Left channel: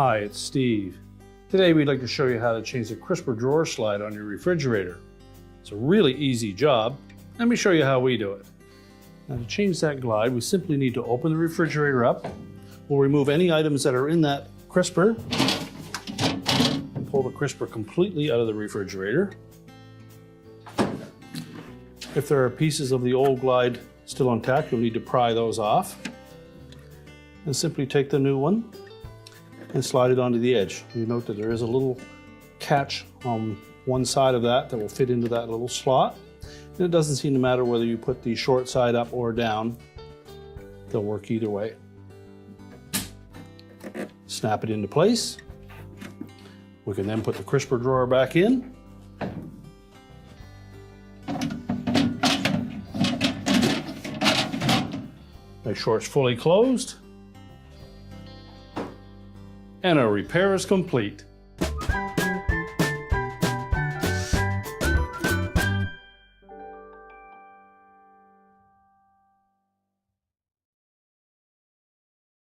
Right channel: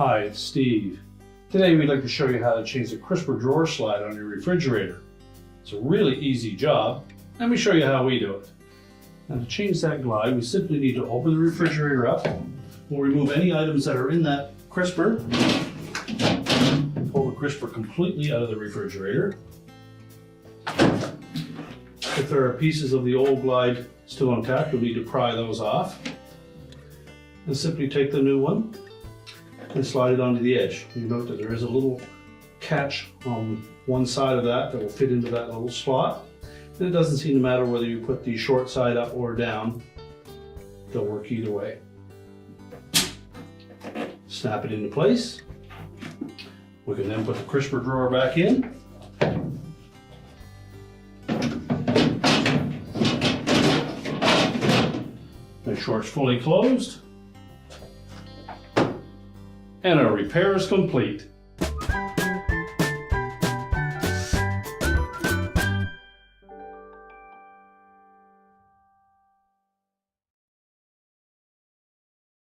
Hi, it's Steve. Today we'd like to show you how to change the crisper drawer slide on your refrigerator. It's a really easy job. Let me show you how we do it. Now to change that glide, we simply need to open the refrigerator up. We'll remove any items that are in that crisper. Pull the crisper completely out of the refrigerator. If there are pieces of the old glide still intact, you'll need to pry those off. And simply take the new one and slide it onto the edge. You note that there is a little catch on one side of that will fit into that little slot. And it doesn't seem to matter whether you put the short side up or down. They'll work either way. Snap it into place. We can then put the crisper drawer back in. The drawer's fully closed. And our repair is complete.